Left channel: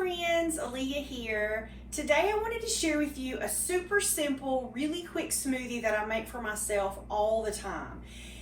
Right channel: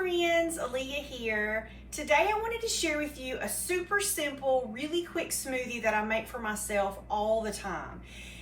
friends, Aaliyah here. Today I wanted to share with you a super simple, really quick smoothie that I make for myself all the time.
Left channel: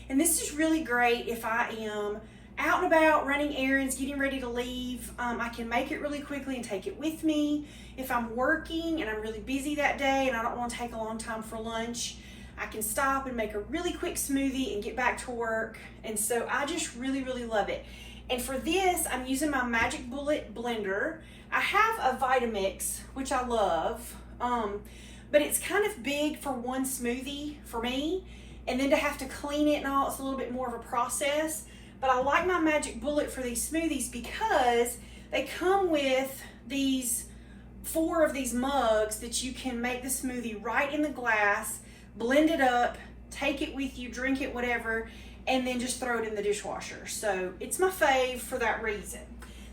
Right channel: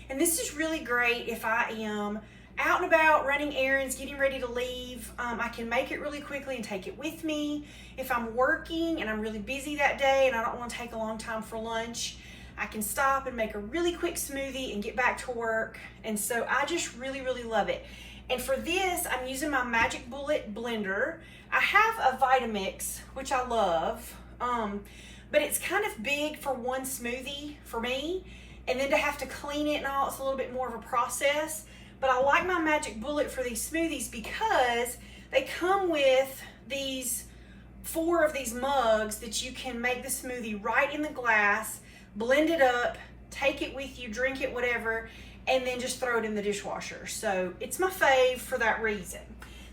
And this is really great if I am out and about running errands, getting ready to leave. I can make it really quickly and take it with me. If I'm working and I'm really busy that day and I don't want to take a long time for lunch, I can stop and make a really quick smoothie and get back to work. And so I just really love it. And for this, I'm using my Magic Bullet blender. I have a Vitamix, which I love, but it's kind of big for one smoothie for me. And then to have to clean it and all, it's a little bit more of a process. But I like my Magic Bullet for these smoothies because they come with these 4 of these mugs that you can make the smoothie right in the glass, blend it up, take it with you, drink it, whatever, and then just throw it in the dishwasher. So it's my fave for that reason.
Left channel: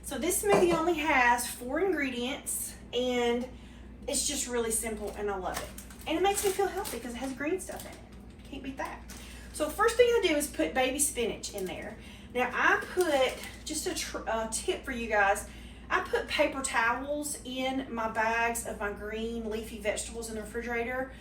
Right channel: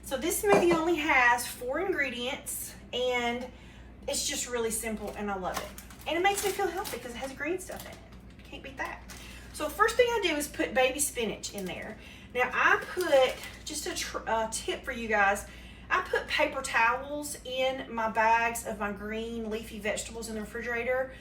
So this smoothie only has 4 ingredients and it's just really simple and I love it. And it makes me feel healthy because it has green stuff in it. Can't beat that. So first thing I do is put baby spinach in there. Now I put, just a tip for you guys, I put paper towels in my bags of my green leafy vegetables in the refrigerator.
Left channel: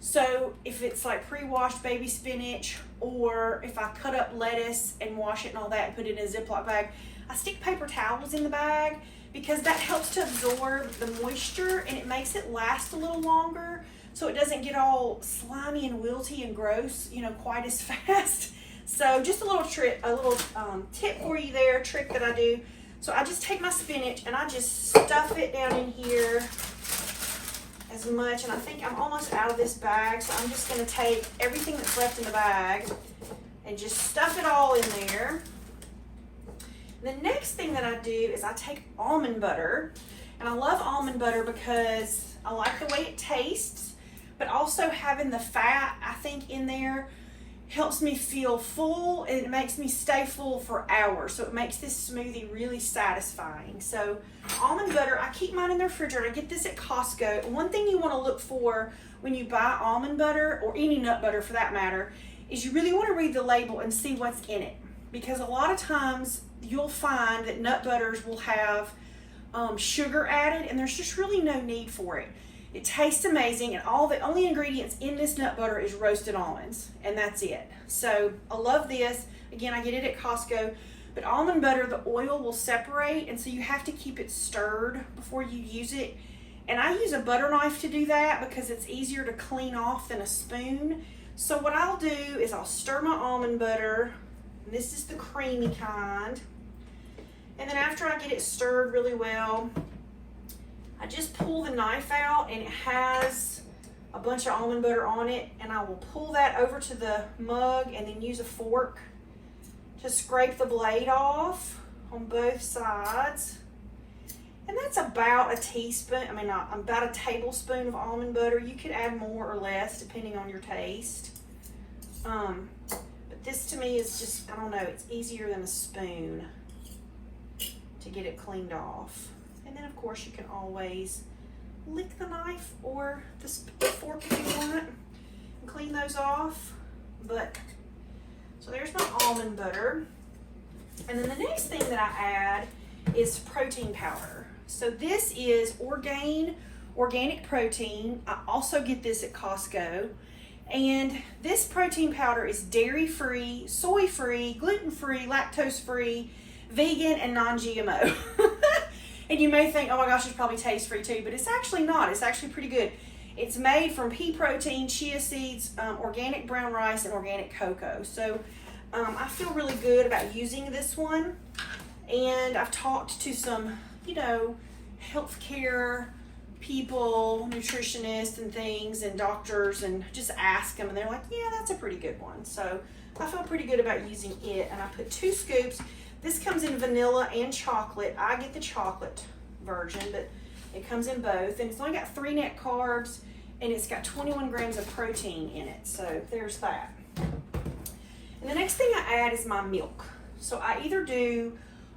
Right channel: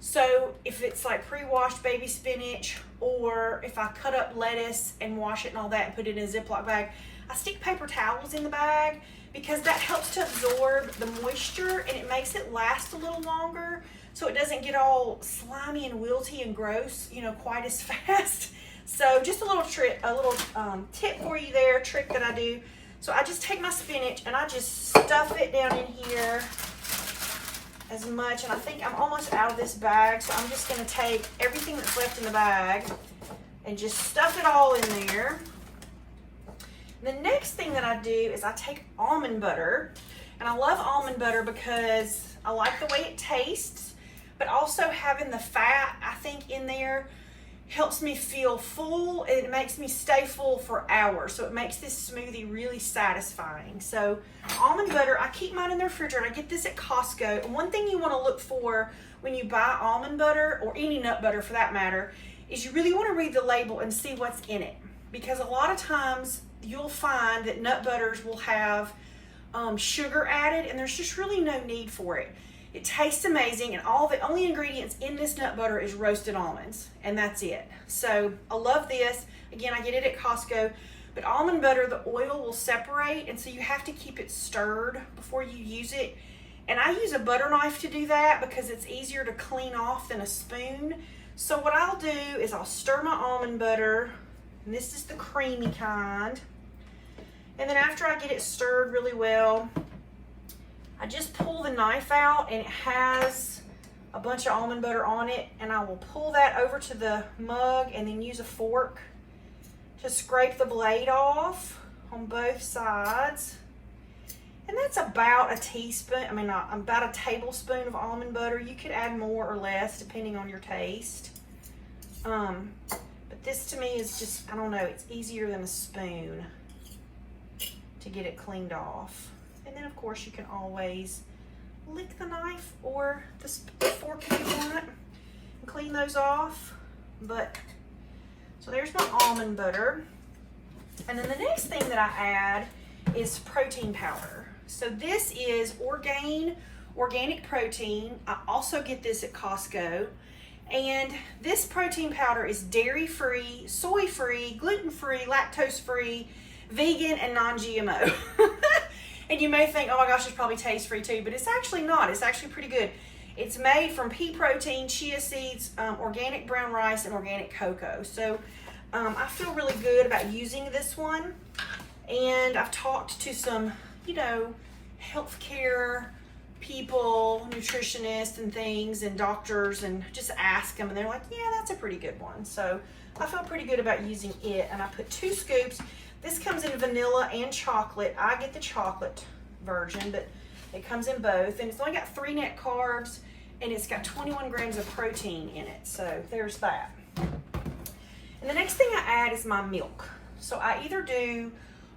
So if it's like pre-washed baby spinach, or if I cut up lettuce and wash it and all that and put it in a Ziploc bag, I stick paper towels in the bag because that helps to absorb the moisture and it makes it last a little longer so it doesn't get all slimy and wilty and gross, you know, quite as fast. So just a little trick, a little tip for you there, trick that I do. So I just take my spinach and I just stuff it down in here as much, and I think I'm almost out of this bag, so I'm just going to take everything that's left in the bag and just stuff it all in there. The next thing that I do is I take almond butter, and I love almond butter because I like the way it tastes, but also having the fat, I think, in there helps me feel full and it makes me stay full for hours. So it makes this smoothie really satisfying. So almond butter, I keep mine in the refrigerator. I get this at Costco. One thing you want to look for when you buy almond butter, or any nut butter for that matter, is you really want to read the label and see what's in it. Because a lot of times you'll find that nut butters will have sugar added, and there's just really no need for it. It tastes amazing, and all the only ingredients in this nut butter is roasted almonds, and that's it. So I love this. Again, I get it at Costco, but almond butter, the oil will separate, and so you have to keep it stirred before you use it. And I use a butter knife to do that because it's easier to clean off than a spoon. So what I'll do is I'll stir my almond butter, and this is the creamy kind. And then after I get it stirred really well, I just pull the knife out, and it has a bunch of almond butter on it, and I will pull that over to the mug and then use a fork to scrape the blade off on both sides. And that's about a teaspoon, about a tablespoon of almond butter. You could add more or less depending on your taste. But this to me is just, I don't know, it's easier than a spoon to get it cleaned off. And then of course you can always lick the knife or the fork if you want it and clean those off. But so there's my almond butter. And then the next thing that I add is protein powder. So this is organic protein. I also get this at Costco. And this protein powder is dairy-free, soy-free, gluten-free, lactose-free, vegan, and non-GMO. And you may think, oh my gosh, it's probably taste-free too, but it's actually not. It's actually pretty good. It's made from pea protein, chia seeds, organic brown rice, and organic cocoa. So I feel really good about using this one. And I've talked to some, you know, healthcare people, nutritionists and things, and doctors, and just ask them, and they're like, yeah, that's a pretty good one. So I feel pretty good about using it. And I put 2 scoops. This comes in vanilla and chocolate. I get the chocolate version, but it comes in both. And it's only got 3 net carbs, and it's got 21 grams of protein in it. So there's that. And the next thing I add is my milk. So I either do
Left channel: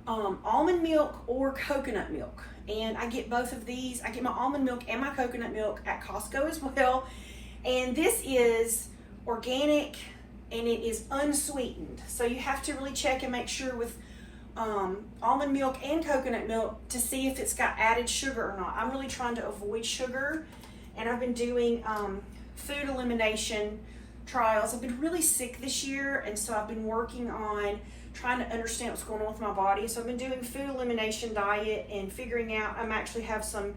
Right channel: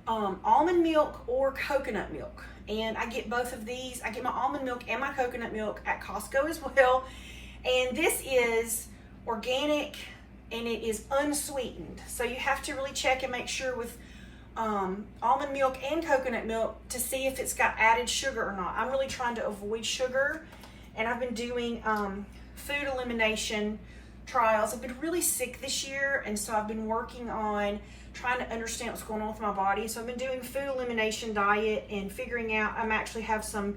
almond milk or coconut milk. And I get both of these. I get my almond milk and my coconut milk at Costco as well. And this is organic, and it is unsweetened. So you have to really check and make sure with almond milk and coconut milk to see if it's got added sugar or not. I'm really trying to avoid sugar, and I've been doing food elimination trials. I've been really sick this year, and so I've been working on trying to understand what's going on with my body. So I've been doing food elimination diet and figuring out I'm actually have some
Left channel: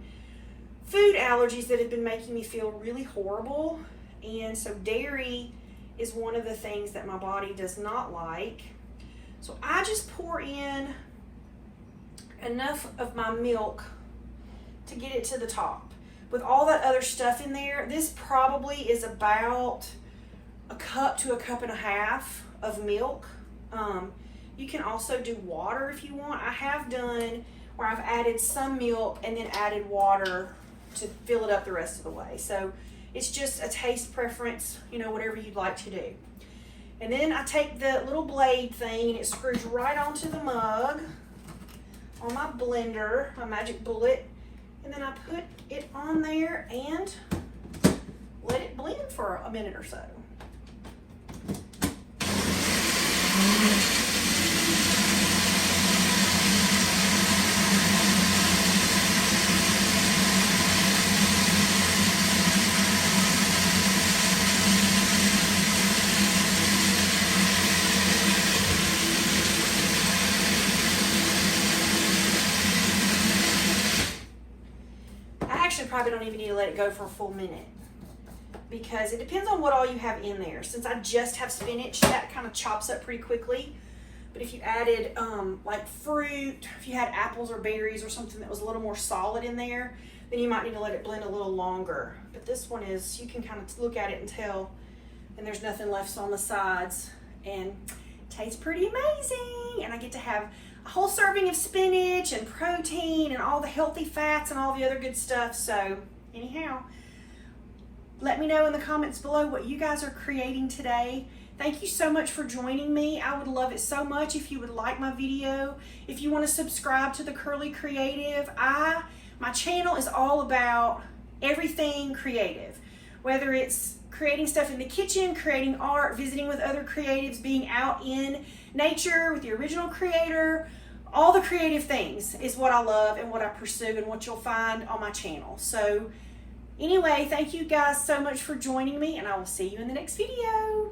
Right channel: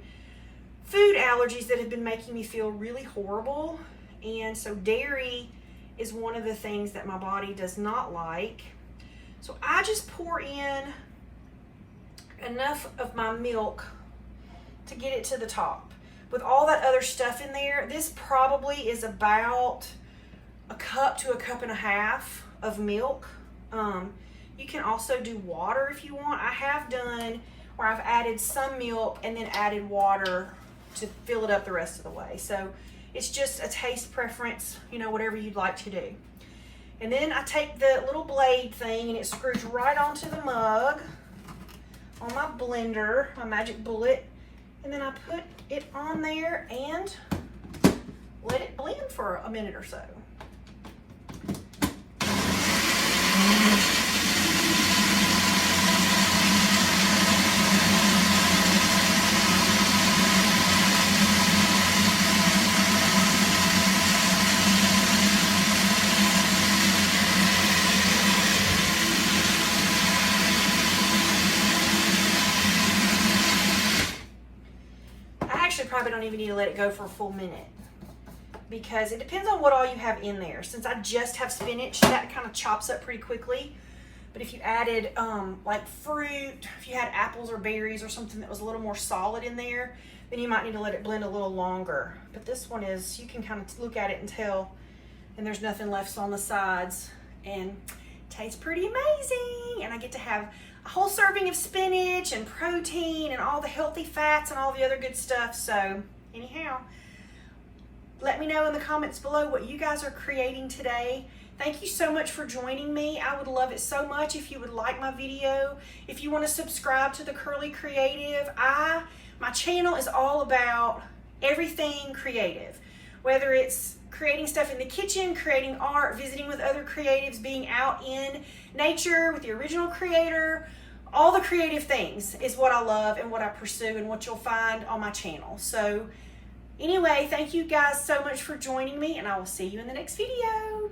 food allergies that have been making me feel really horrible. And so dairy is one of the things that my body does not like. So I just pour in enough of my milk to get it to the top. With all that other stuff in there, this probably is about a cup to a cup and a half of milk. You can also do water if you want. I have done where I've added some milk and then added water to fill it up the rest of the way. So it's just a taste preference, you know, whatever you'd like to do. And then I take the little blade thing and it screws right onto the mug on my blender, my magic bullet. And then I put it on there and let it blend for a minute or so. Probably don't even need to let it go for a full minute because it depends on what all you have in there. Since I just have spinach, that kind of chops up pretty quickly. But if you added like fruit, if you had apples or berries or something that was a little more solid in there, then you might need to let it blend a little longer. But this one is, you can kind of look at it and tell, and there's nothing left on the sides, and it tastes pretty amazing. And I get to have a whole serving of spinach and protein and all the healthy fats and all the other good stuff. So anyhow, let me know in the comments below what you guys are creating today. Thank you so much for joining me. I would love it so much if you would like my video. If you want to subscribe to the Curly Creative, my channel is all about everything creative, whether it's creating stuff in the kitchen, creating art, visiting with other creatives, being out in nature with the original creator. All the creative things is what I love and what I pursue and what you'll find on my channel. So anyway, thank you guys so much for joining me, and I will see you in the next video.